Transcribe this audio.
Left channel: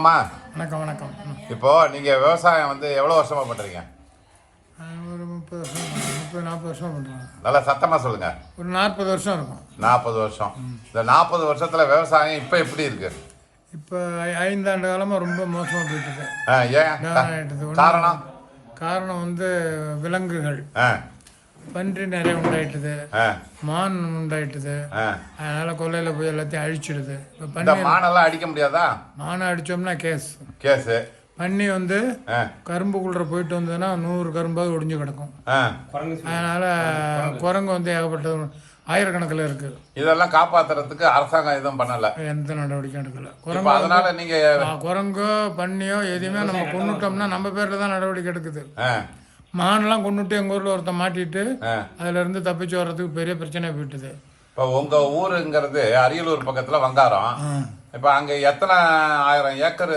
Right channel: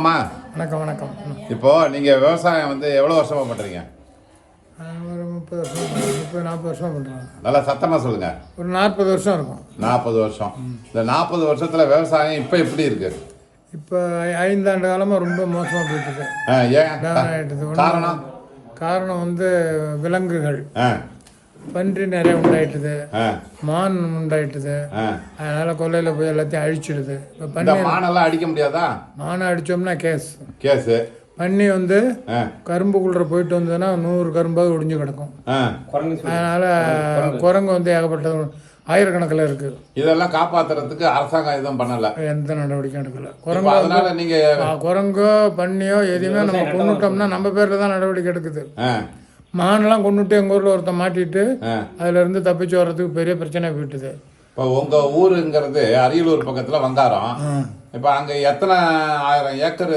வணக்கம் வணக்கம். இப்போ நீங்க விவசாயம் வந்து எவ்வளவு வருஷமா பண்றீங்க? ஒரு 30 வருஷம் 40 வருஷம் பண்ணுறோம். நல்லா சத்தமா சொல்லுங்க. ஒரு 40 வருஷம் இருக்கும். 40 வருஷம். இந்த 40 வருஷத்துல விவசாயம் இப்ப எப்படி இருக்கு? இப்போ 5 ஆண்டு காலமாக ரொம்ப மோசமாக போயிட்டுருக்கு. காரணம் காரணம் வந்து விலங்குகள், பன்றி நிறைய உண்டாயிட்டுது, மான் உண்டாயிட்டுது. அதனால கொல்லையில் போய் எல்லாத்தையும் அழிச்சிடுது. இப்போ பன்னி மானெல்லாம் அடிக்க முடியாதா? மானை அடித்தோம்னா கேஸ். பன்னி வந்து கரும்புக்குள்ள போயிட்டு வந்ததுன்னா 100 கரும்பாவது ஒடிஞ்சு கிடக்கும். அதனால குரங்கு வந்து ஏகப்பட்ட ஆயிரக்கணக்கில் இருக்கு. இதெல்லாம் காப்பாத்துறதுக்கு அரசாங்கம் எதுவும் பண்ணல, எந்த நடவடிக்கையும் எடுக்கல. குரங்கோ பன்னியோ எதையுமே நம்ம கொண்டுட்டோம்னா நம்ம பேர்ல தான் நடவடிக்கை எடுக்குது. மானெல்லாம் கொண்டுட்டு எங்கள் ஊரில் ஒருத்தன் மாட்டிட்டு அதுல இருந்து தப்பிச்சு வர்றதுக்கு பெரிய பிரச்சனை போயிட்டுது. இப்போ உங்க ஊருங்கிறது அரியலூர் பக்கத்துல வந்தாரம். இப்போ அங்க எத்தனை ஆயிரம் ஏக்கர்